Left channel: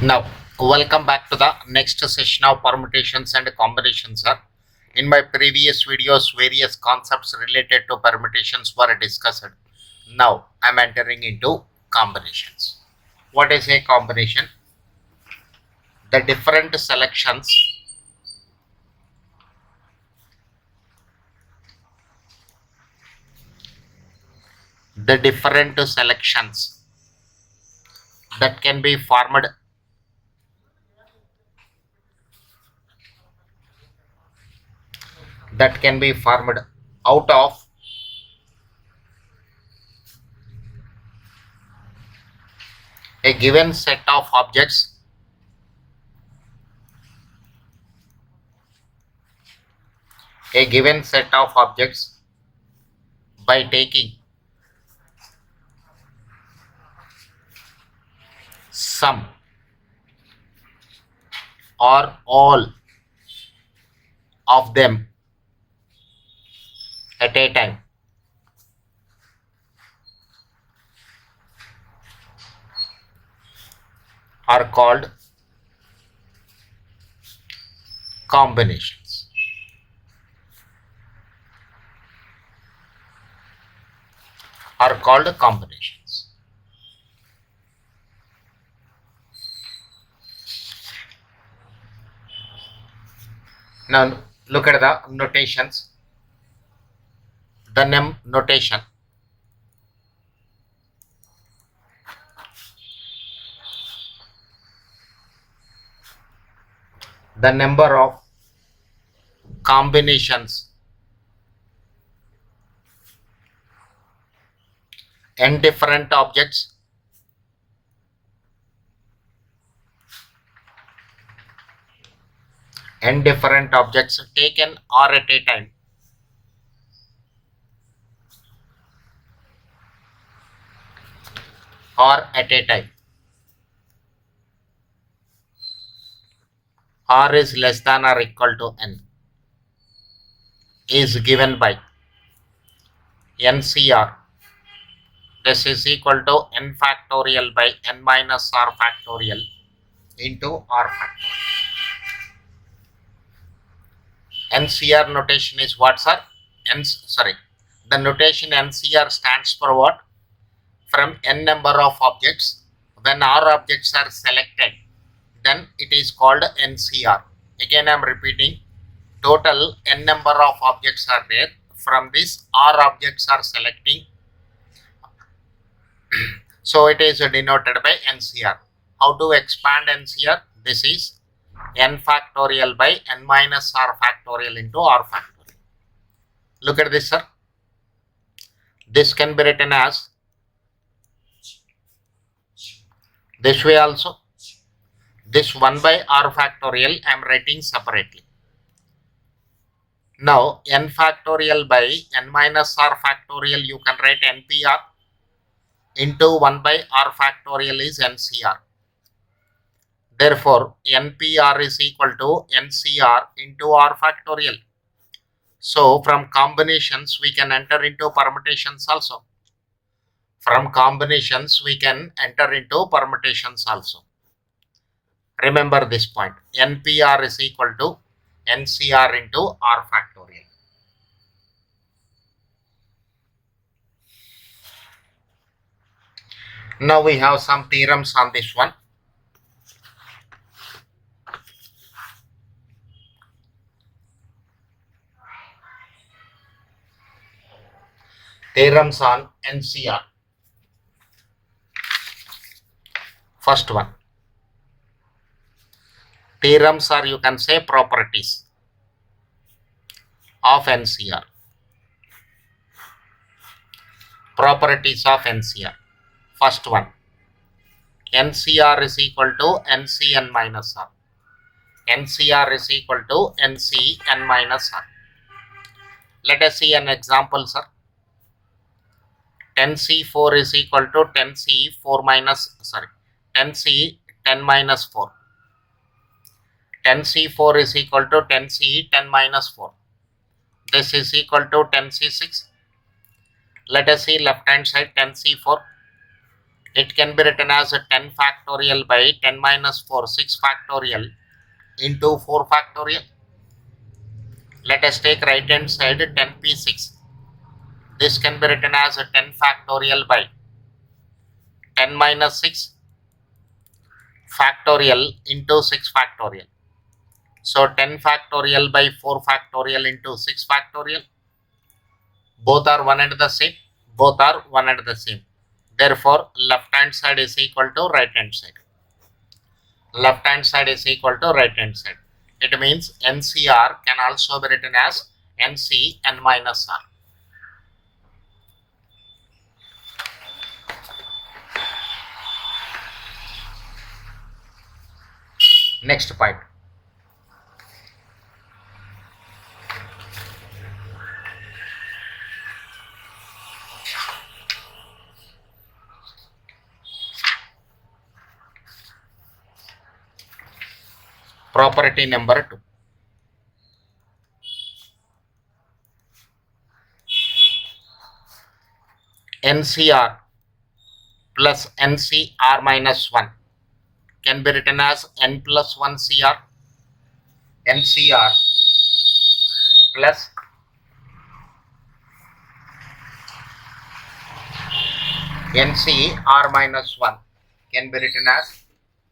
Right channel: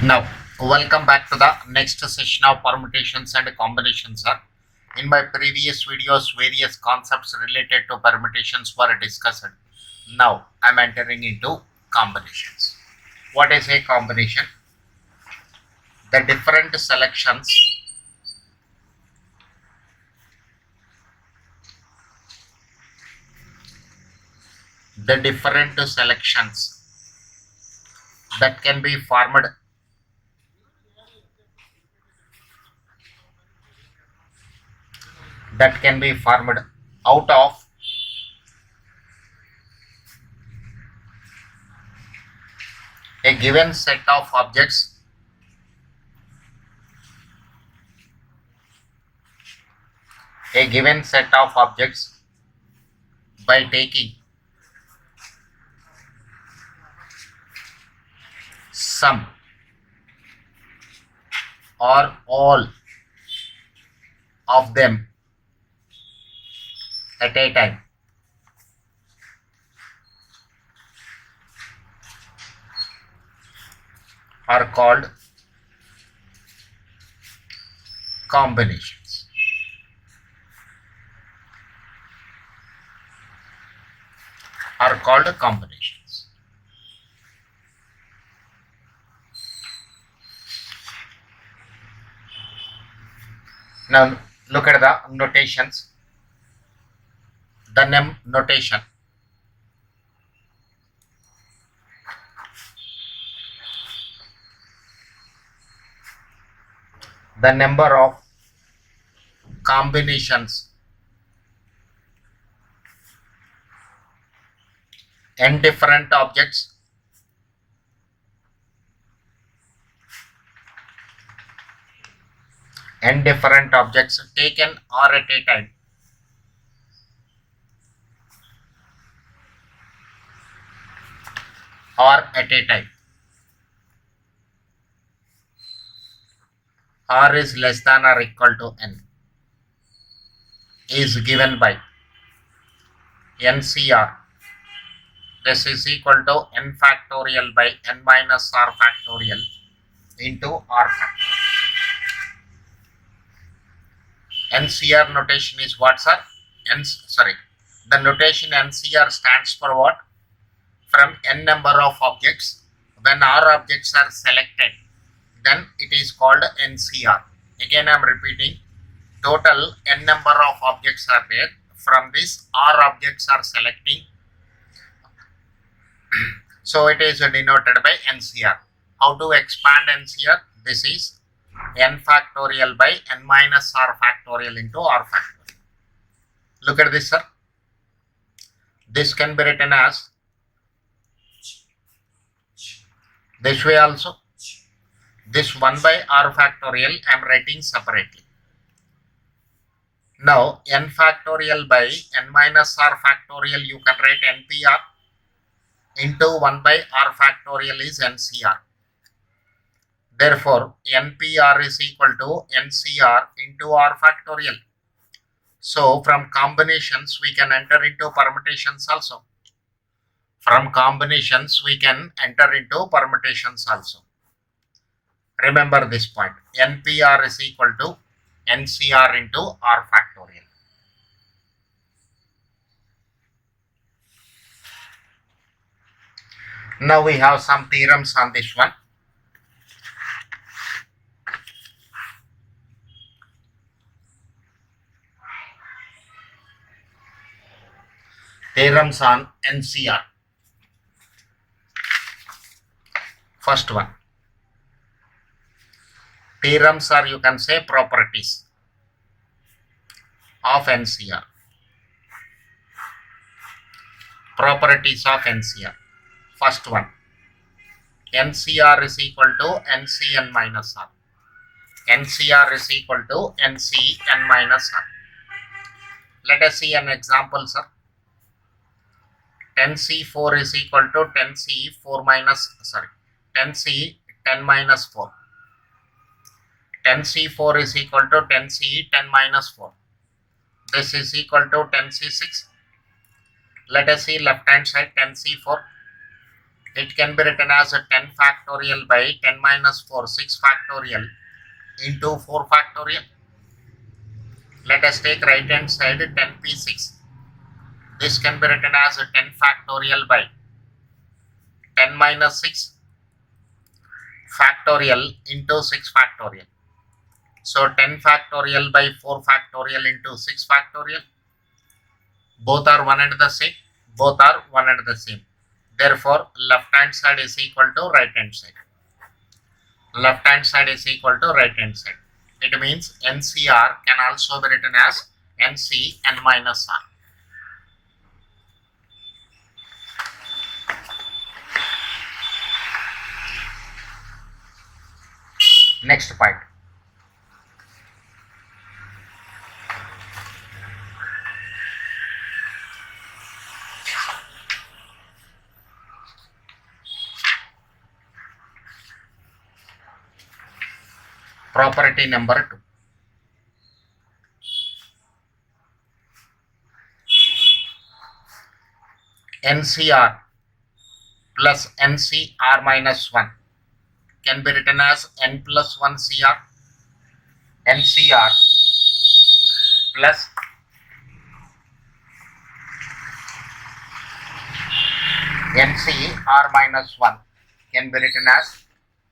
Now, welcome back to the next session of permutations and combinations, sir. In my previous videos, various concepts related to permutations were discussed. Now, I'm entering into combinations. What is a combination? The different selections that can be formed out of a given set of objects by taking some or all of them at a time are called combinations. Now look at the notations. The notation. The number of combinations n different objects taken or at a time r is less than or equal to n is given by NCR. This is equal to n factorial by n minus r factorial into r factorial. NCR notation is what, sir? The notation NCR stands for what? From n number of objects, when r objects are selected, then it is called NCR. Again, I am repeating, total n number of objects are there. From this, r objects are selecting. So it is denoted by NCR. How to expand NCR? This is n factorial by n minus r factorial into r factorial. Look at this, sir. This can be written as this way also. This 1 by r factorial I am writing separately. Now n factorial by n minus r factorial you can write NPR into 1 by r factorial is NCR. Therefore, NPR is equal to NCR into r factorial. So from combinations we can enter into permutations also. Remember this point. NPR is equal to NCR into r factorial. Now we have some theorems on this one. Theorems on NCR. First one. Theorems are, you can say, properties of NCR. Properties of NCR. First one. NCR is equal to NCN minus R. NCR is equal to NCN minus R. Let us see an example, sir. 10C4 is equal to 10C4 minus, 10C10 minus 4. 10C4 is equal to 10C10 minus 4. This is equal to 10C6. Let us see left hand side 10C4. It can be written as a 10 factorial by 10 minus 4, 6 factorial into 4 factorial. Let us take right hand side 10p6. This can be written as a 10 factorial by 10 minus 6 factorial into 6 factorial. So 10 factorial by 4 factorial into 6 factorial. Both are one and the same. Both are one and the same. Therefore, left hand side is equal to right hand side. Left hand side is equal to right hand side. It means NCR can also be written as NC n minus R. Next point. Property number 2. NCR plus NCR minus 1 can be written as N plus 1 CR. NCR plus NCR minus 1 can be written as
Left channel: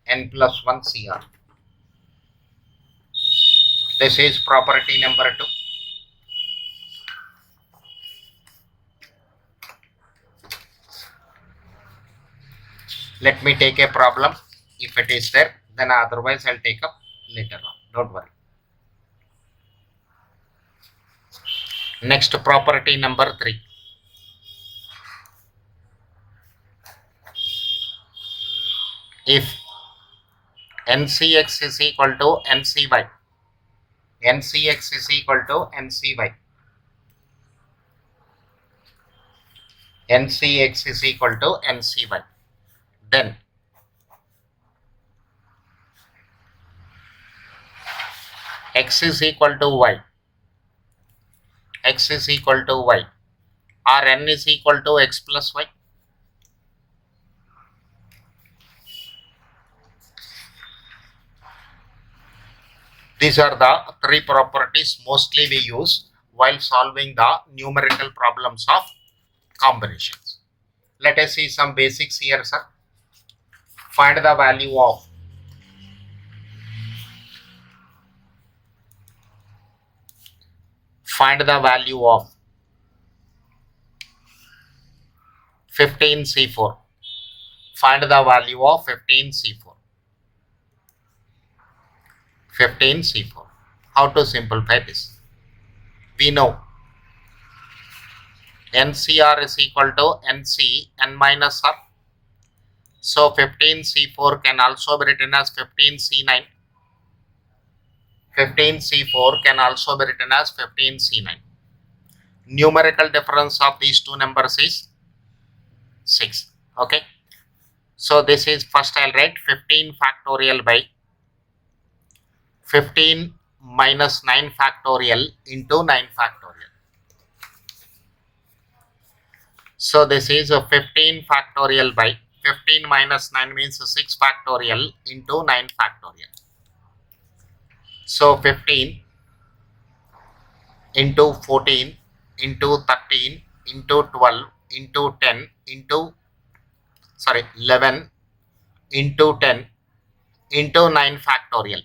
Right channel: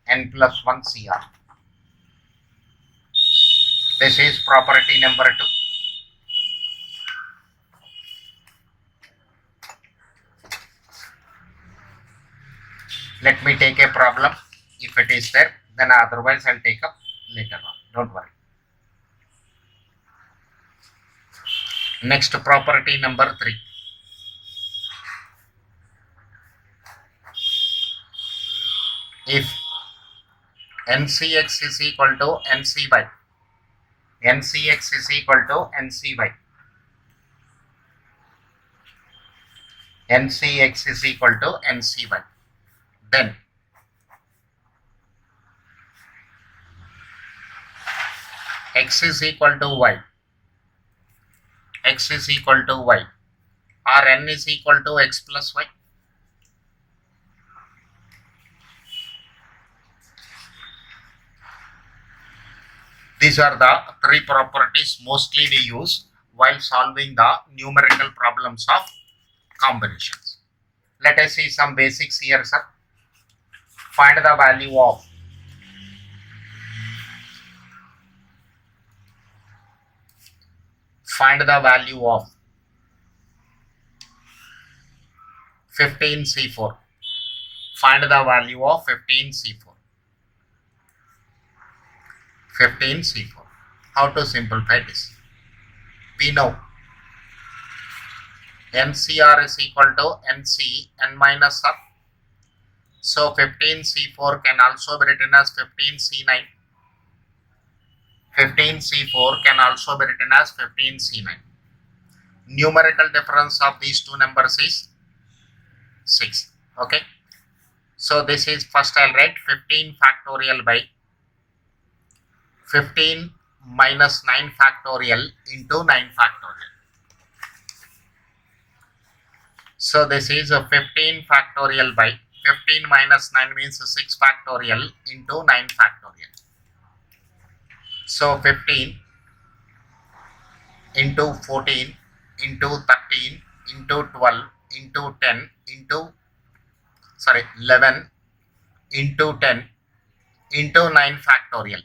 N plus 1 CR. This is property number 2. Let me take a problem. If it is there, then otherwise I'll take up later on. Don't worry. Next, property number 3. If NCX is equal to NCY, NCX is equal to NCY, NCX is equal to NCY, then X is equal to Y, X is equal to Y, or N is equal to X plus Y. These are the 3 properties mostly we use while solving the numerical problems of combinations. Let us see some basics here, sir. Find the value of find the value of 15C4. Find the value of 15C4. 15C4. How to simplify this? We know NCR is equal to NC n minus R. So 15C4 can also be written as 15C9. 15C4 can also be written as 15C9. Numerical difference of these two numbers is 6. Okay. So this is, first I'll write 15 factorial by 15 minus 9 factorial into 9 factorial. So this is a 15 factorial by 15 minus 9 means 6 factorial into 9 factorial. So 15 into 14 into 13 into 12 into 10 into 11 into 10 into 9 factorial.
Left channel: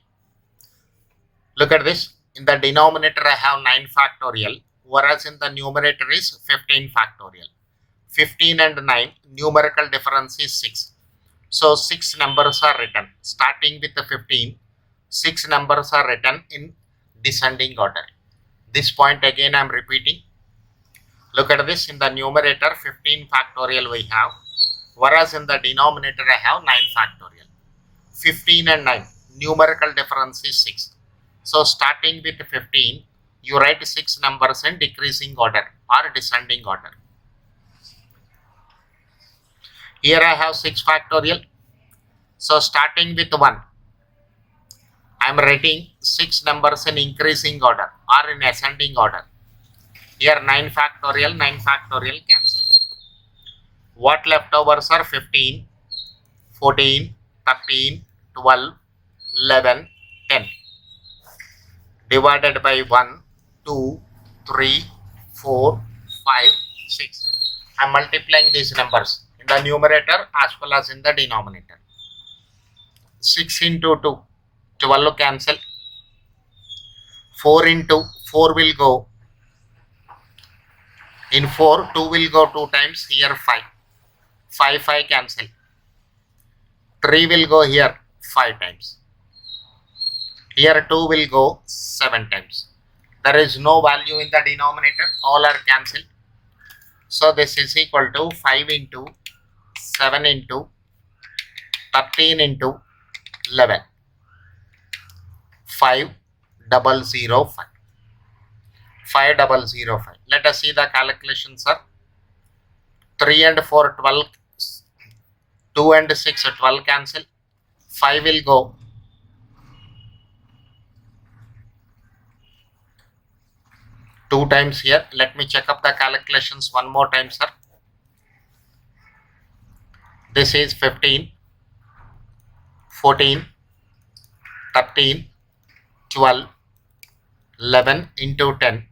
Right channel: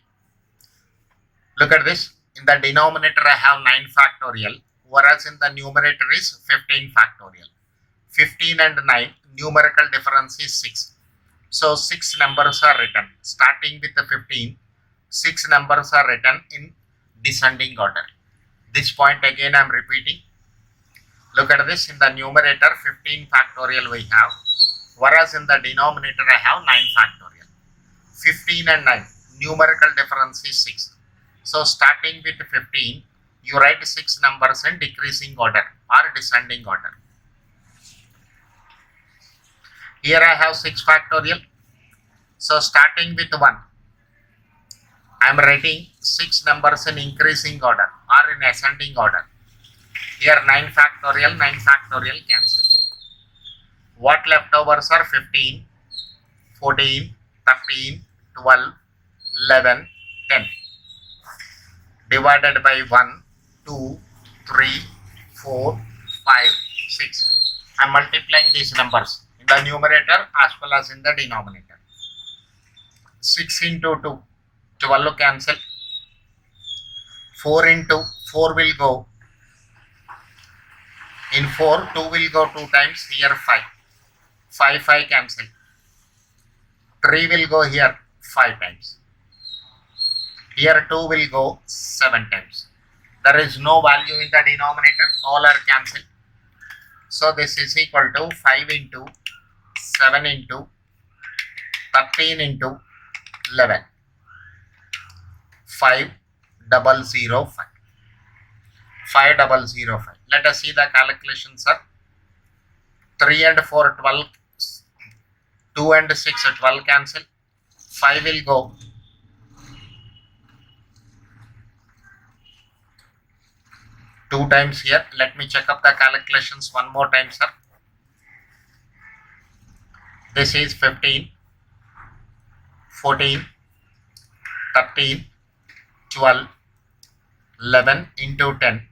Look at this. In the denominator I have 9 factorial, whereas in the numerator is 15 factorial. 15 and 9 numerical difference is 6. So 6 numbers are written. Starting with the 15, 6 numbers are written in descending order. This point again I am repeating. Look at this. In the numerator 15 factorial we have, whereas in the denominator I have 9 factorial. 15 and 9 numerical difference is 6. So starting with 15, you write 6 numbers in decreasing order or descending order. Here I have 6 factorial. So starting with 1, I am writing 6 numbers in increasing order or in ascending order. Here 9 factorial cancel. What leftovers are 15 14, 13, 12, 11, 10. Divided by 1, 2, 3, 4, 5, 6. I am multiplying these numbers in the numerator as well as in the denominator. 6 into 2, 12 cancel. 4 into 4 will go. In 4, 2 will go 2 times. Here 5. 5, 5 cancel. 3 will go here 5 times. Here 2 will go 7 times. There is no value in the denominator. All are cancelled. So this is equal to 5 into 7 into 13 into 11. 5005. 5005. Let us see the calculation, sir. 3 and 4, 12. 2 and 6, 12 cancel. 5 will go. 2 times here. Let me check up the calculations one more time, sir. This is 15, 14, 13, 12, 11 into 10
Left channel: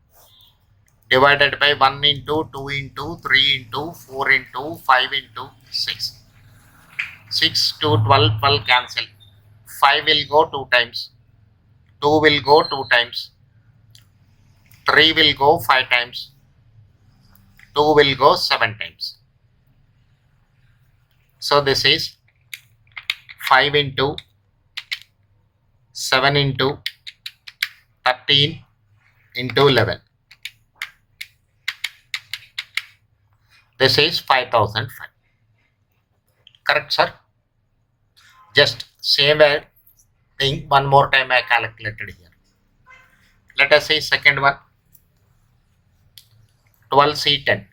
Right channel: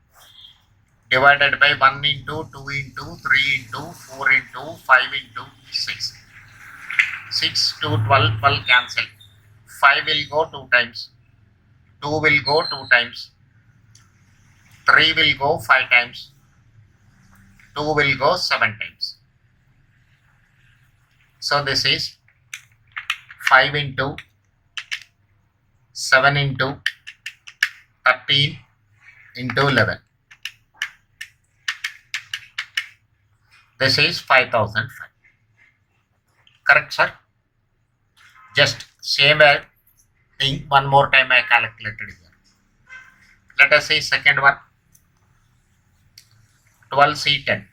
divided by 1 into 2 into 3 into 4 into 5 into 6. 6 to 12, 12 cancel. 5 will go 2 times. 2 will go 2 times. 3 will go 5 times. 2 will go 7 times. So this is 5 into 7 into 13 into 11. This is 5005. Correct, sir? Just same thing one more time I calculated here. Let us see second one. 12C10.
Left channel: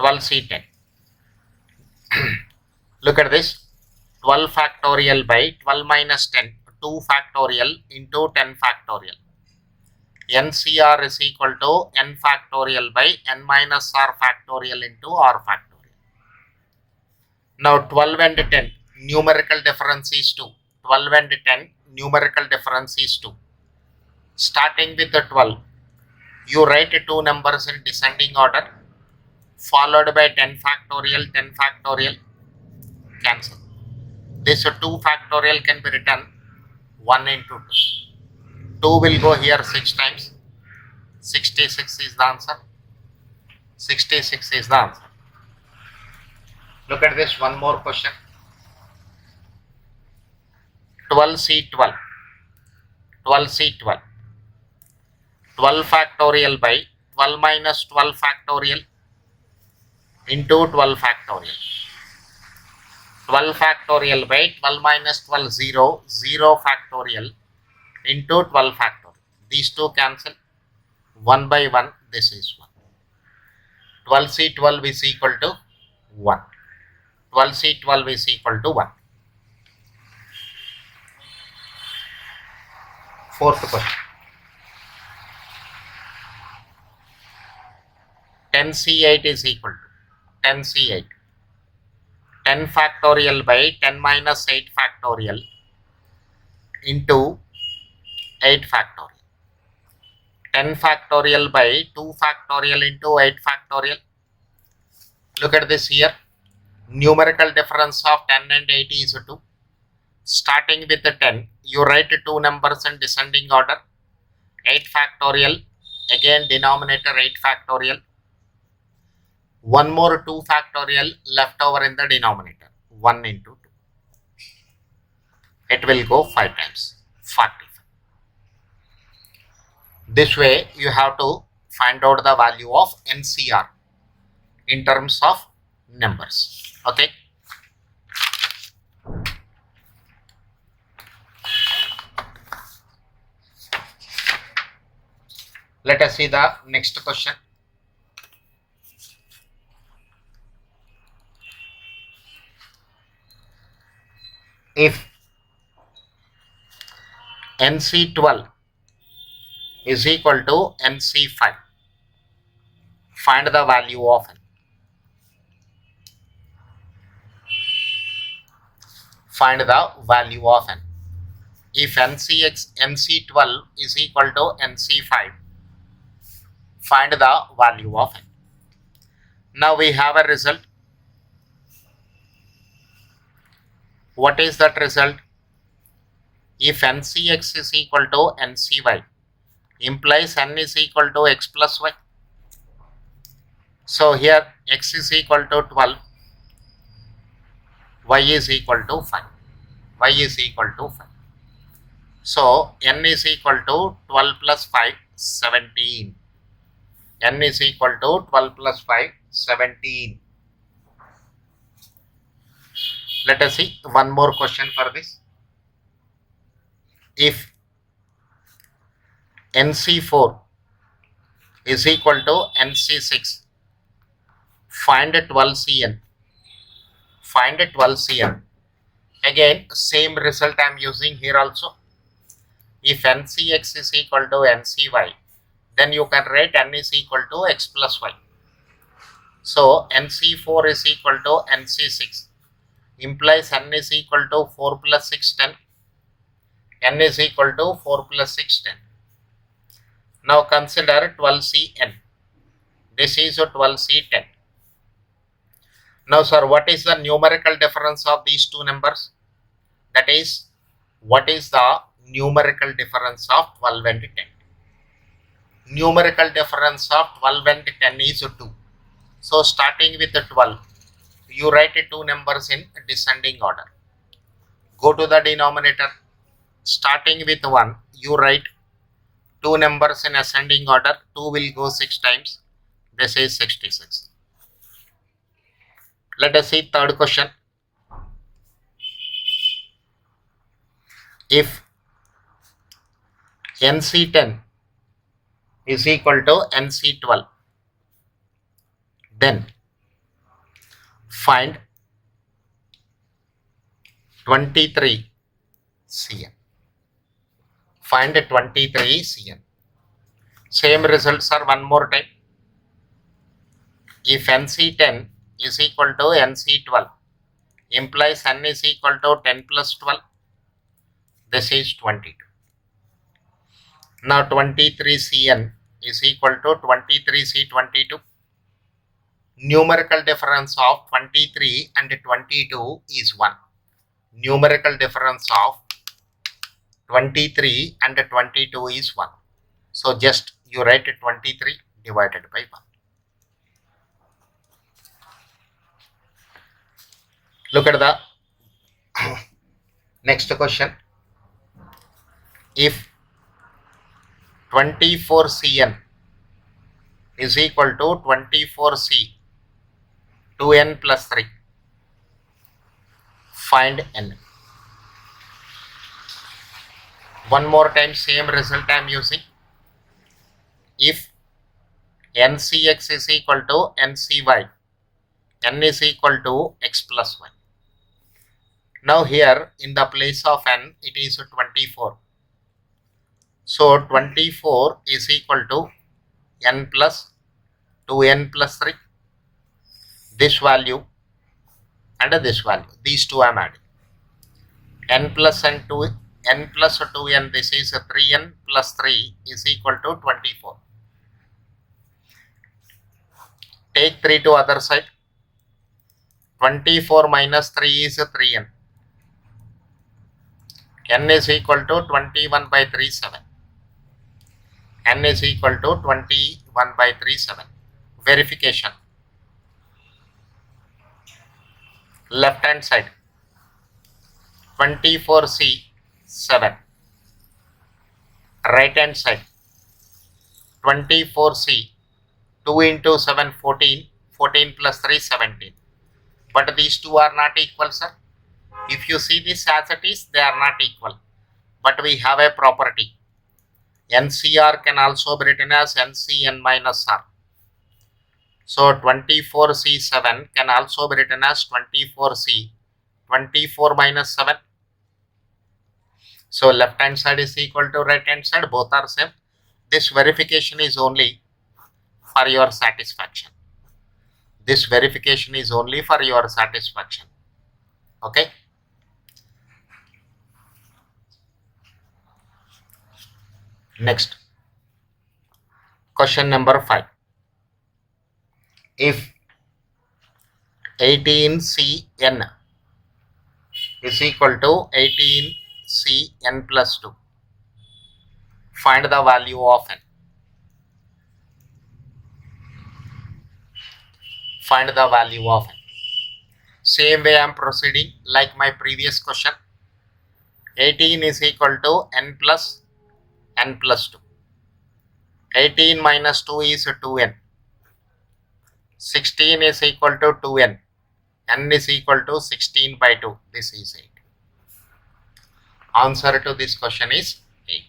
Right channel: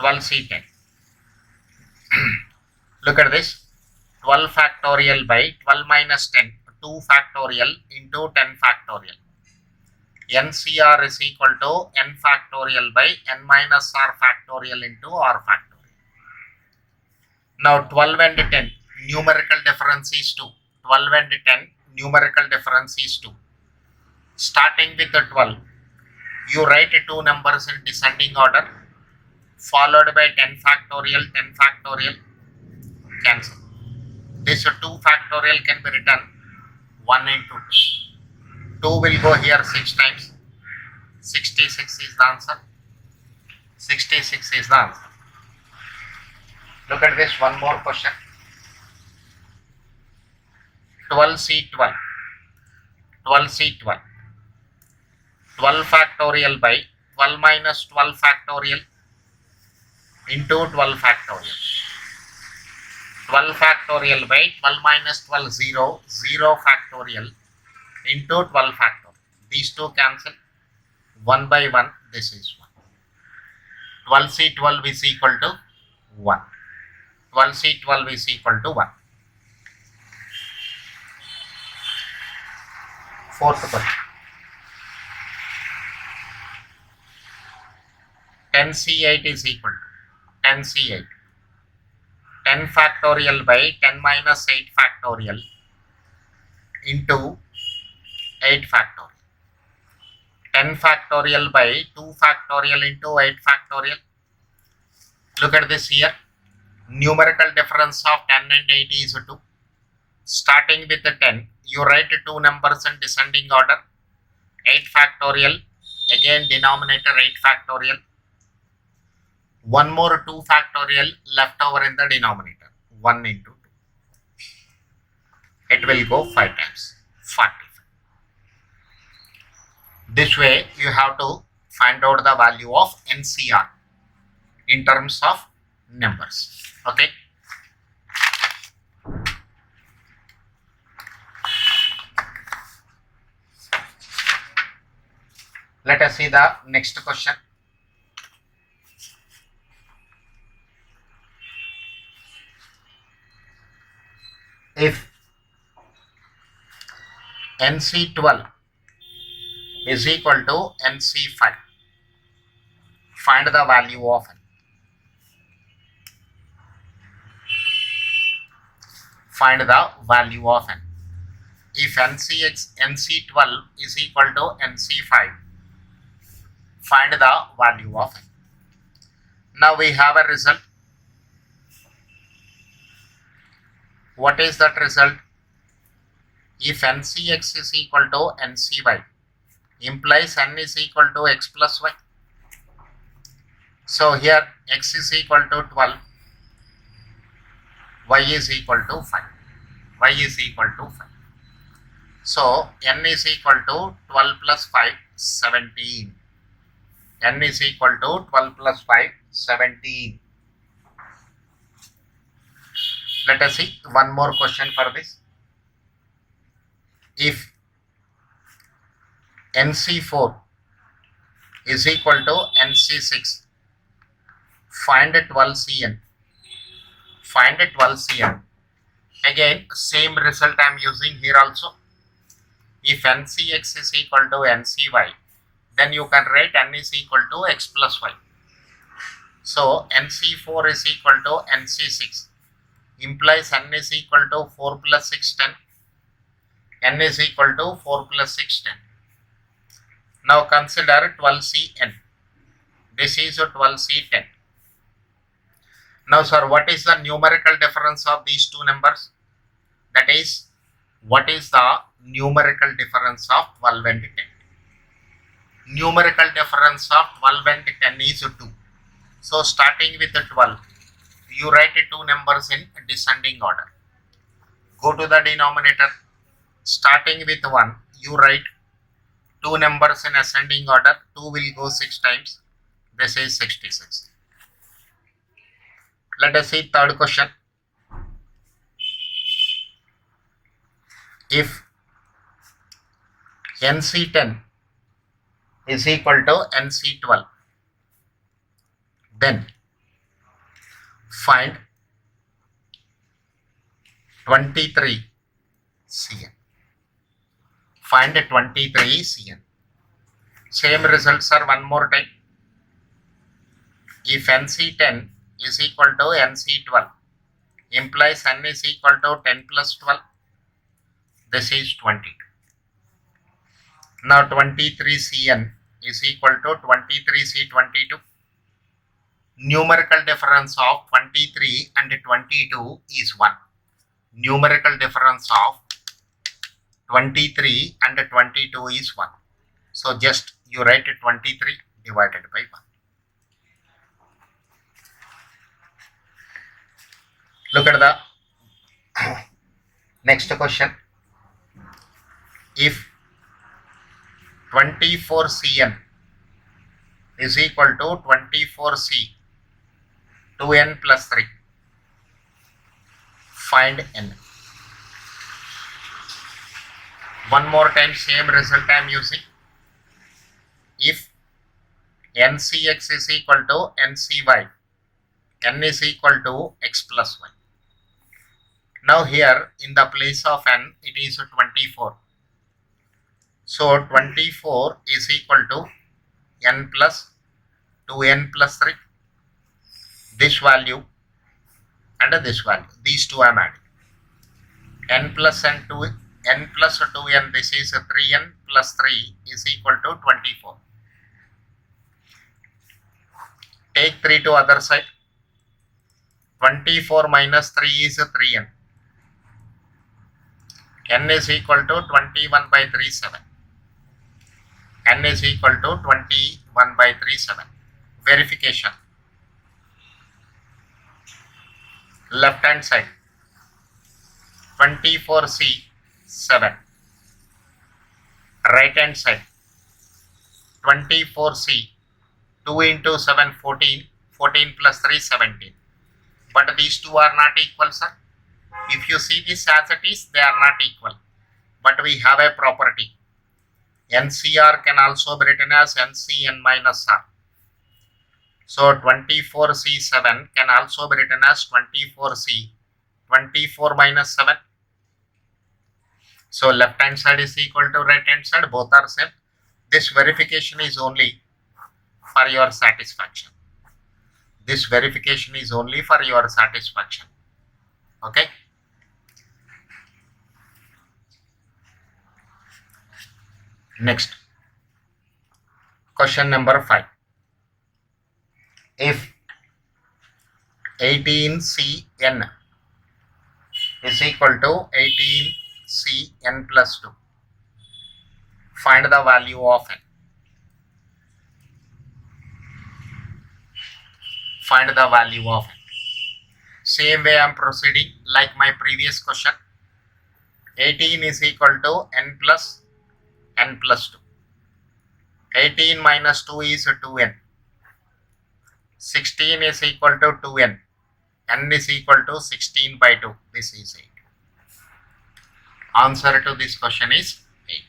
12C10. Look at this. 12 factorial by 12 minus 10. 2 factorial into 10 factorial. NCR is equal to n factorial by n minus r factorial into r factorial. Now 12 and 10 numerical difference is 2. 12 and 10 numerical difference is 2. Starting with the 12, you write 2 numbers in descending order, followed by 10 factorial, 10 factorial, cancel. This 2 factorial can be written 1 into 2. 2 will go here 6 times. 66 is the answer. 66 is the answer. Look at this one more question. 12C12. 12C12. 12 factorial by 12 minus 12 factorial into 12 factorial. 12 factorial by 12 minus 12, 0, 0 factorial into 12 factorial. These two cancel. 1 by 1, this is 1. 12C12 is equal to 1. 12C12 is equal to 1. Fourth question. 10C8 is equal to 10C8. 10 factorial by 10 minus 8 factorial into 8 factorial. 10 factorial by 2 factorial into 8 factorial. Look at this here. Numerical difference of 10 and 8 is 2. Starting with the 10, you write 2 numbers in descending order. 8 factorial, again denominator 8 factorial. One more 2 factorial left over in the denominator. 1 into 2. It will go 5 times. 45. This way you have to find out the value of NCR in terms of numbers. Okay. Let us see the next question. If NC12 is equal to NC5, find the value of n. find the value of n. If NC12 is equal to NC5, find the value of n. Now we have a result. What is that result? If NCX is equal to NCY, implies n is equal to x plus y. So here x is equal to 12, y is equal to 5. Y is equal to 5. So n is equal to 12 plus 5, 17. N is equal to 12 plus 5, 17. Let us see one more question for this. If NC4 is equal to NC6, find 12Cn. Find 12Cn. Again, same result I am using here also. If NCX is equal to NCY, then you can write n is equal to x plus y. So NC4 is equal to NC6, implies n is equal to 4 plus 6, 10. N is equal to 4 plus 6, 10. Now consider 12Cn. This is 12C10. Now sir, what is the numerical difference of these two numbers? That is, what is the numerical difference of 12 and 10? Numerical difference of 12 and 10 is 2. So starting with the 12, you write two numbers in descending order. Go to the denominator. Starting with 1, you write two numbers in ascending order. 2 will go 6 times. This is 66. Let us see third question. If NC10 is equal to NC12, then find 23Cn. Find 23Cn. Same results are one more time. If NC10 is equal to NC12, implies n is equal to 10 plus 12. This is 22. Now 23Cn is equal to 23C22. Numerical difference of 23 and 22 is 1. Numerical difference of 23 and 22 is 1. So just you write 23 divided by 1. Look at the next question. If 24Cn is equal to 24C 2n plus 3, find n. One more time, same result I am using. If NCX is equal to NCY, n is equal to x plus y. Now here in the place of n, it is 24. So 24 is equal to n plus 2n plus 3. This value and this value. These two I am adding. N plus 2n, this is 3n plus 3 is equal to 24. Take 3 to other side. 24 minus 3 is 3n. N is equal to 21 by 3, 7. N is equal to 21 by 3, 7. Verification. Left hand side. 24C, 7. Right hand side. 24C, 2 into 7, 14. 14 plus 3, 17. But these two are not equal, sir. If you see this as it is, they are not equal. But we have a property. NCR can also be written as NCN minus R. So 24C7 can also be written as 24C. 24 minus 7. So left hand side is equal to right hand side. Both are same. This verification is only for your satisfaction. This verification is only for your satisfaction. Okay. Next, question number 5. If 18Cn is equal to 18Cn plus 2, find the value of n. Find the value of n. Same way I am proceeding like my previous question. 18 is equal to n plus 2. 18 minus 2 is 2n. 16 is equal to 2n. N is equal to 16 by 2. This is 8. Answer to this question is 8.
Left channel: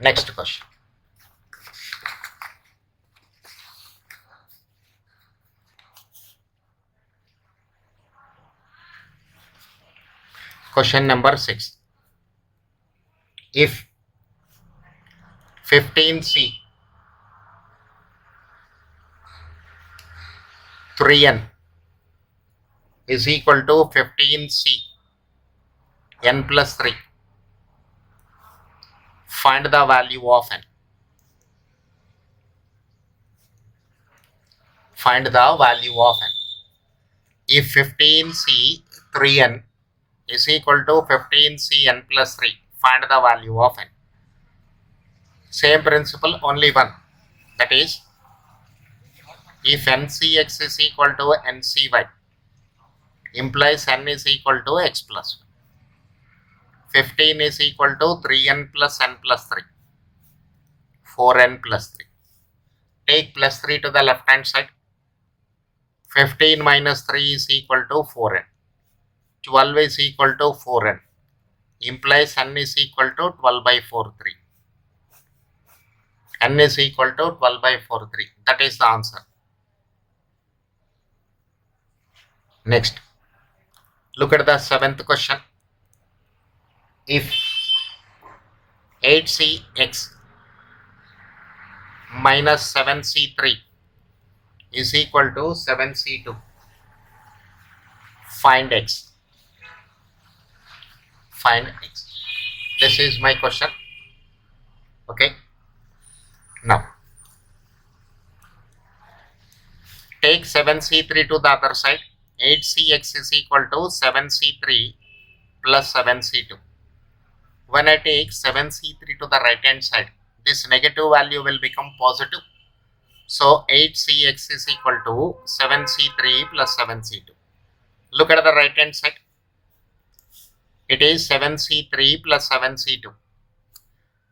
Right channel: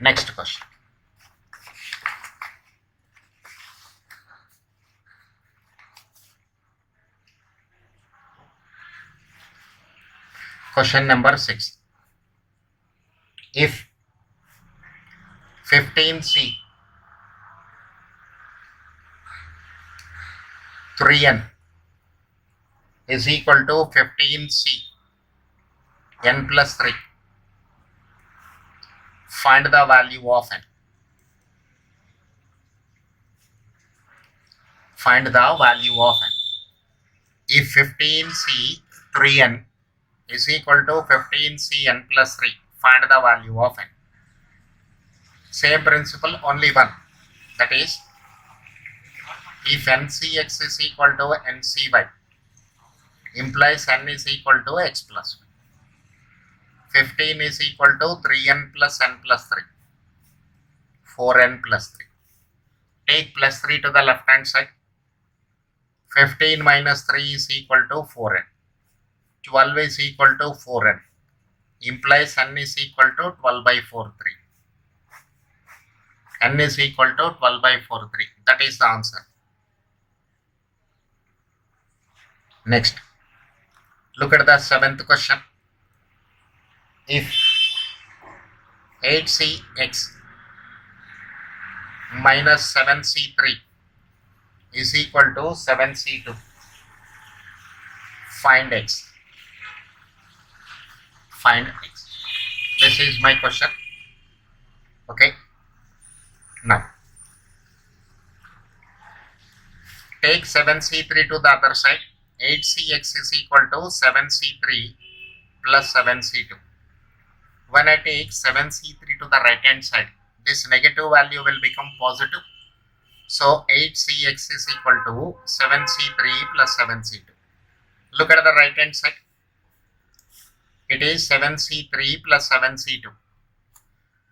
Next question. Question number 6. If 15C 3n is equal to 15C n plus 3, find the value of n. Find the value of n. If 15C 3n is equal to 15C n plus 3, find the value of n. Same principle, only one. That is, if ncx is equal to ncy, implies n is equal to x plus 1. 15 is equal to 3n plus n plus 3. 4n plus 3. Take plus 3 to the left hand side. 15 minus 3 is equal to 4n. 12 is equal to 4n. Implies n is equal to 12 by 4, 3. N is equal to 12 by 4, 3. That is the answer. Next, look at the 7th question. If 8cx minus 7c3 is equal to 7c2, find x. Find x. This is my question. Okay. Now, take 7c3 to the other side. 8cx is equal to 7c3 plus 7c2. When I take 7c3 to the right hand side, this negative value will become positive. So 8cx is equal to 7c3 plus 7c2. Look at the right hand side. It is 7c3 plus 7c2.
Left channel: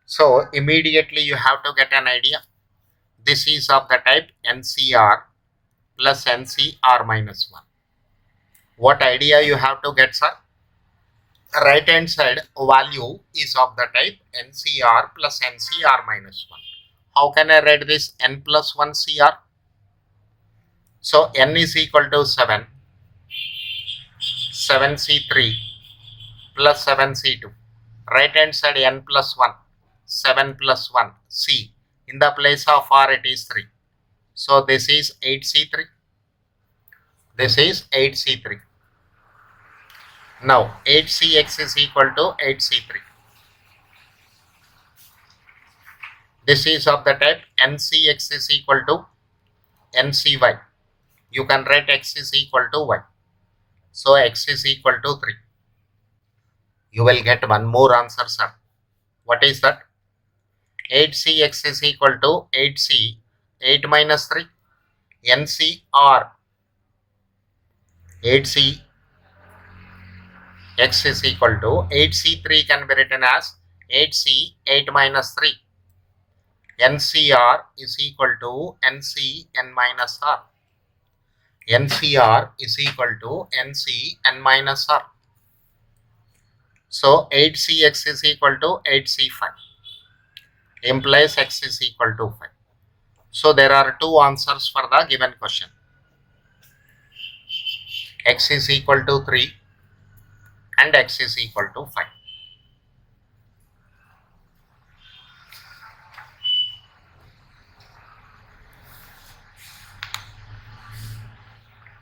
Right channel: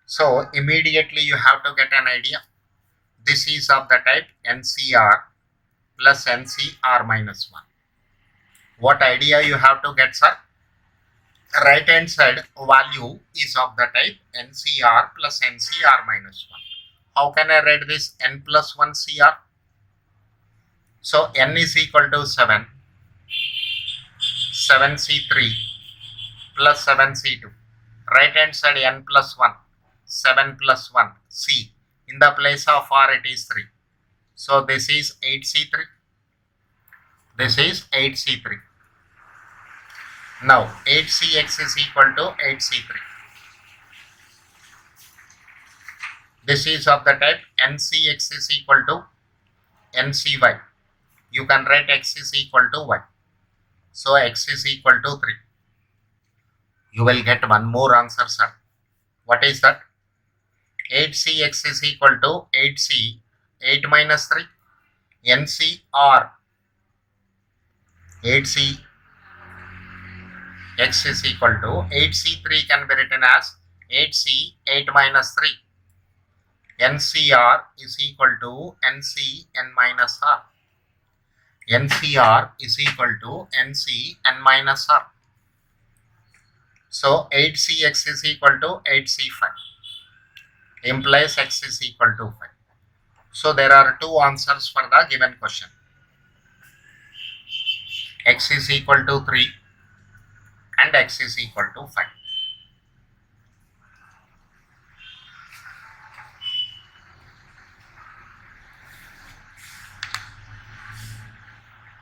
So immediately you have to get an idea. This is of the type NCR plus NCR minus 1. What idea you have to get, sir? Right hand side value is of the type NCR plus NCR minus 1. How can I write this? N plus 1 CR. So N is equal to 7. 7C3 plus 7C2. Right hand side N plus 1. 7 plus 1 C. In the place of R it is 3. So this is 8C3. This is 8C3. Now 8CX is equal to 8C3. This is of the type NCX is equal to NCY. You can write X is equal to Y. So X is equal to 3. You will get one more answer, sir. What is that? 8CX is equal to 8C. 8 minus 3. NCR. 8C. X is equal to 8C3 can be written as 8C 8 minus 3. NCR is equal to NC n minus R. NCR is equal to NC n minus R. So 8CX is equal to 8C5. Implies X is equal to 5. So there are two answers for the given question. X is equal to 3 and X is equal to 5.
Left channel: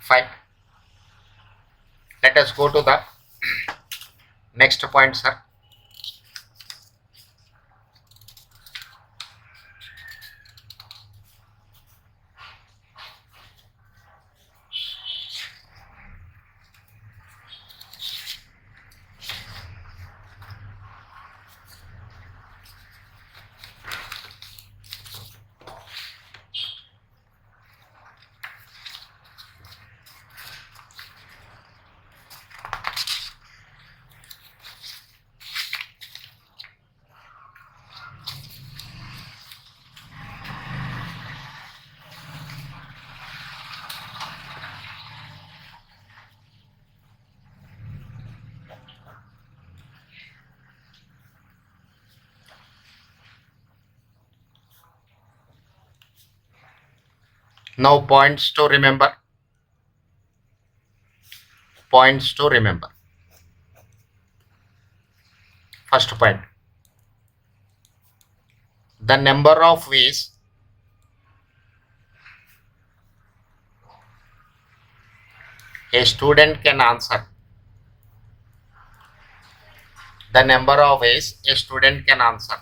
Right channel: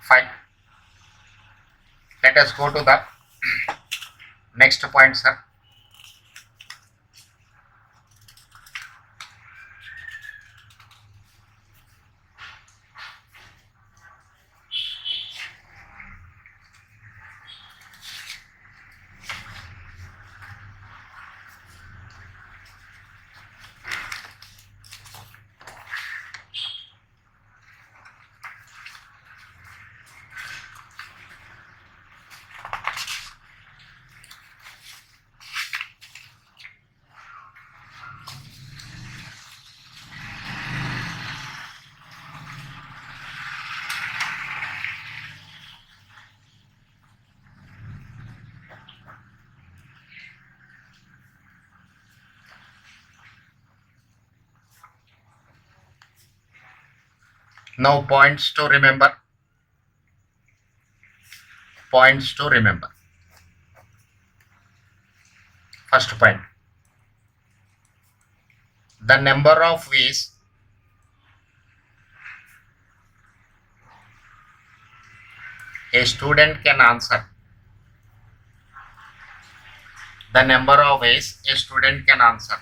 Fine. Let us go to the Next point, sir. Now points to remember. Points to remember. First point. The number of ways a student can answer. The number of ways a student can answer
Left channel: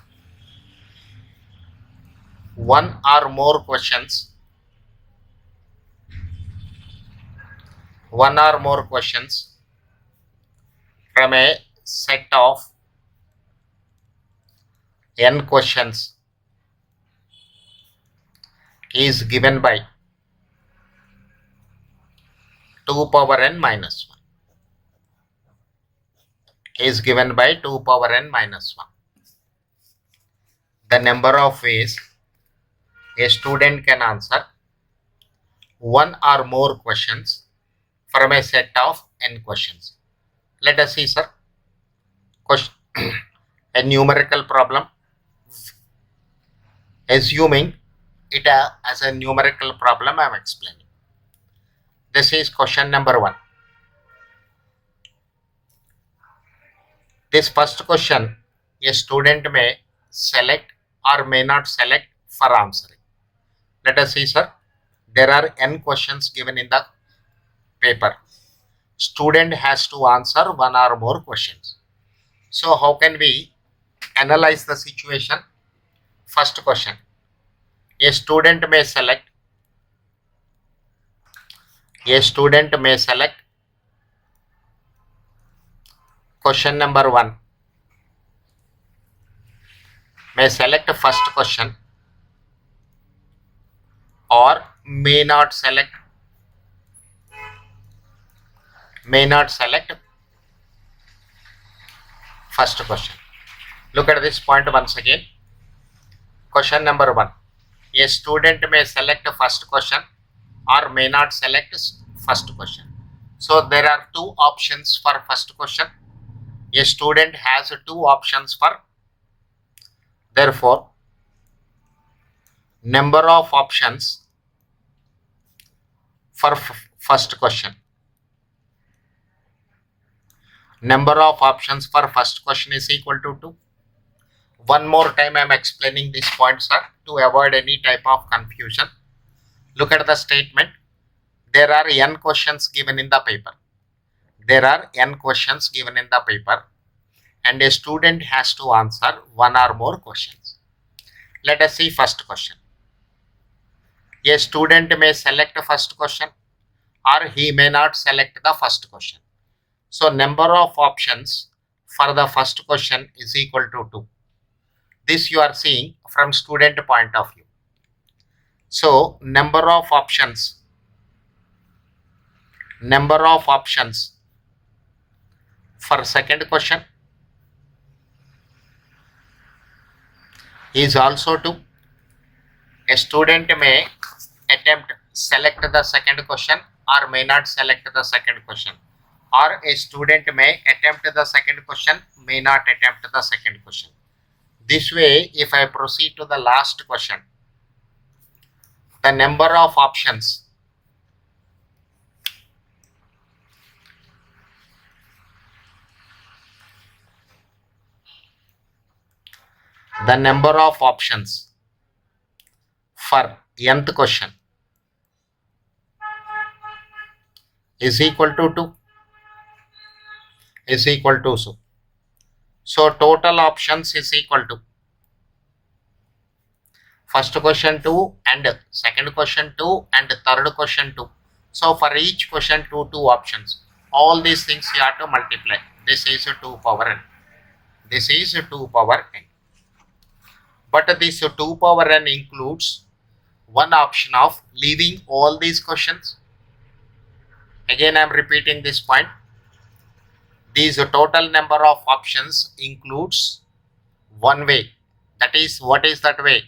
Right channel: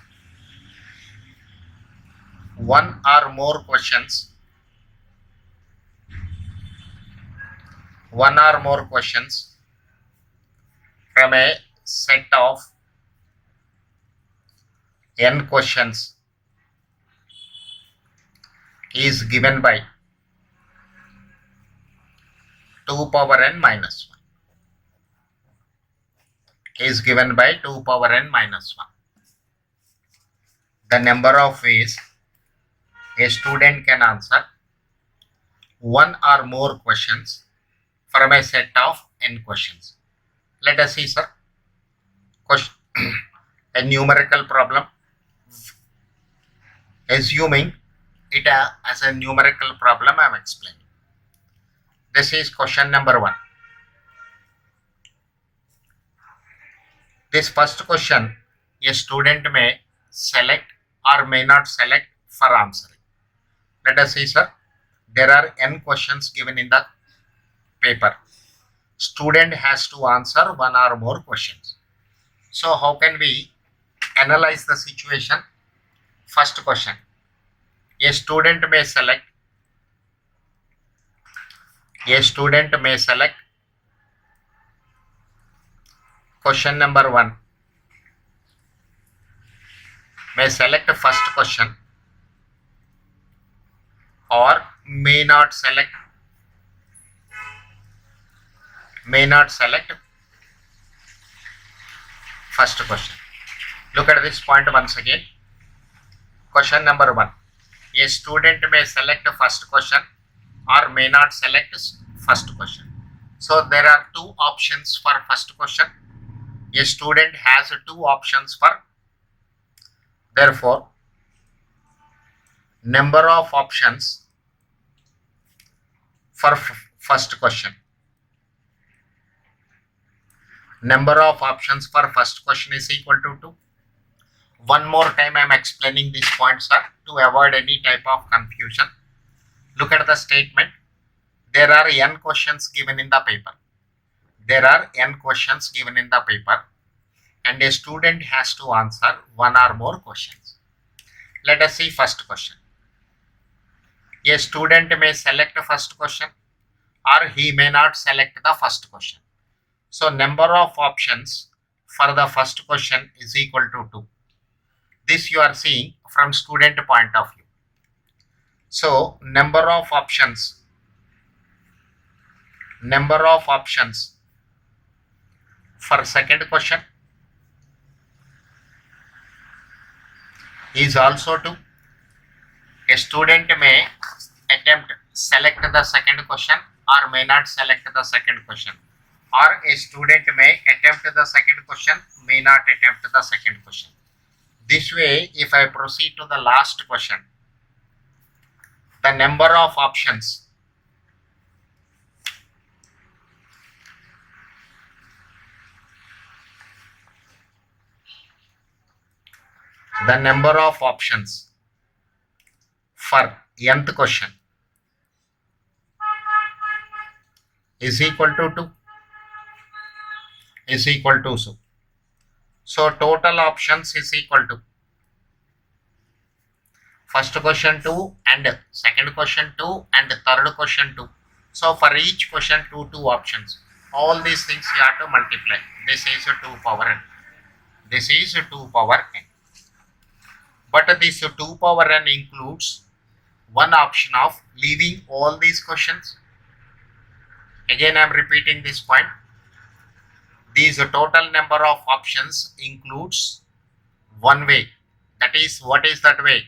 one or more questions. One or more questions from a set of n questions is given by 2 power n minus 1. Is given by 2 power n minus 1. The number of ways a student can answer one or more questions from a set of n questions. Let us see, sir. Question, a numerical problem. Assuming it as a numerical problem, I am explaining. This is question number 1. This first question, a student may select or may not select for answering. Let us see, sir. There are n questions given in the paper. Student has to answer one or more questions. So how can we analyze the situation? First question. A student may select. A student may select question number 1. May select first question or may not select first question. Look at this point once again. Question number 1. A student may select first question or may not select first question. So there are 2 options for first question. A student has 2 options for. Therefore, number of options for first question. Number of options for first question is equal to 2. One more time I am explaining this point, sir, to avoid any type of confusion. Look at the statement. There are n questions given in the paper. There are n questions given in the paper and a student has to answer one or more questions. Let us see first question. A student may select the first question or he may not select the first question. So number of options for the first question is equal to 2. This you are seeing from student point of view. So number of options for second question is also 2. A student may select the second question or may not select the second question, or a student may attempt the second question, may not attempt the second question. This way, if I proceed to the last question, the number of options for nth question is equal to 2. So total options is equal to first question 2 and second question 2 and third question 2. So for each question 2 options. All these things you have to multiply. This is 2 power n. This is 2 power n. But this 2 power n includes one option of leaving all these questions. Again, I am repeating this point. These total number of options includes one way. That is, what is that way?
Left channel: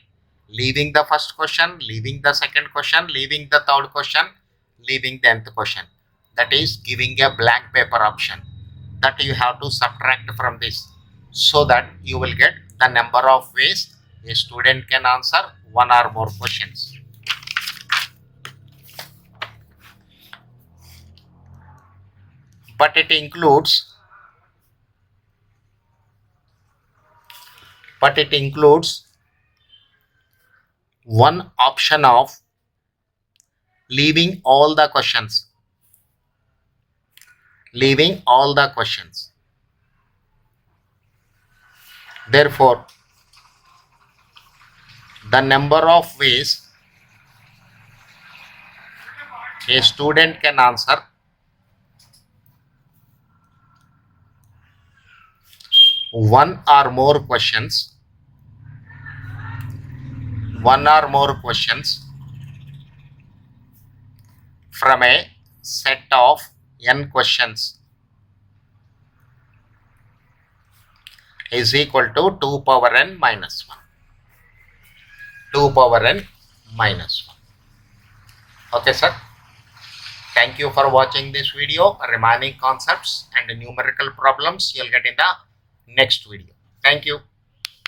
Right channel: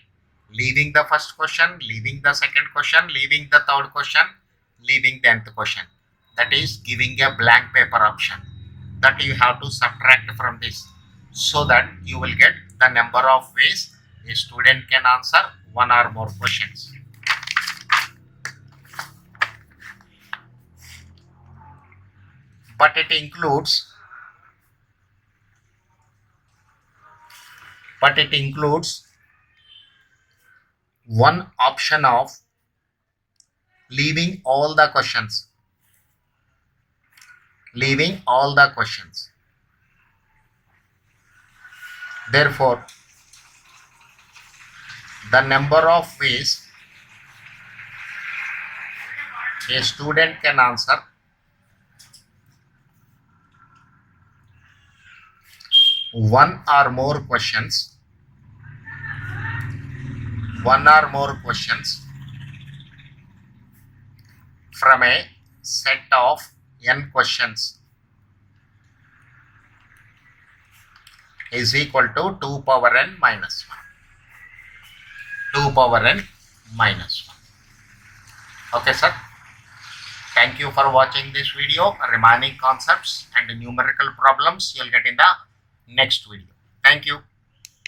Leaving the first question, leaving the second question, leaving the third question, leaving the nth question. That is giving a blank paper option that you have to subtract from this, so that you will get the number of ways a student can answer one or more questions. But it includes one option of leaving all the questions. Therefore, the number of ways a student can answer one or more questions from a set of n questions is equal to 2 power n minus 1. 2 power n minus 1. Okay, sir. Thank you for watching this video. Remaining concepts and numerical problems you'll get in the next video. Thank you.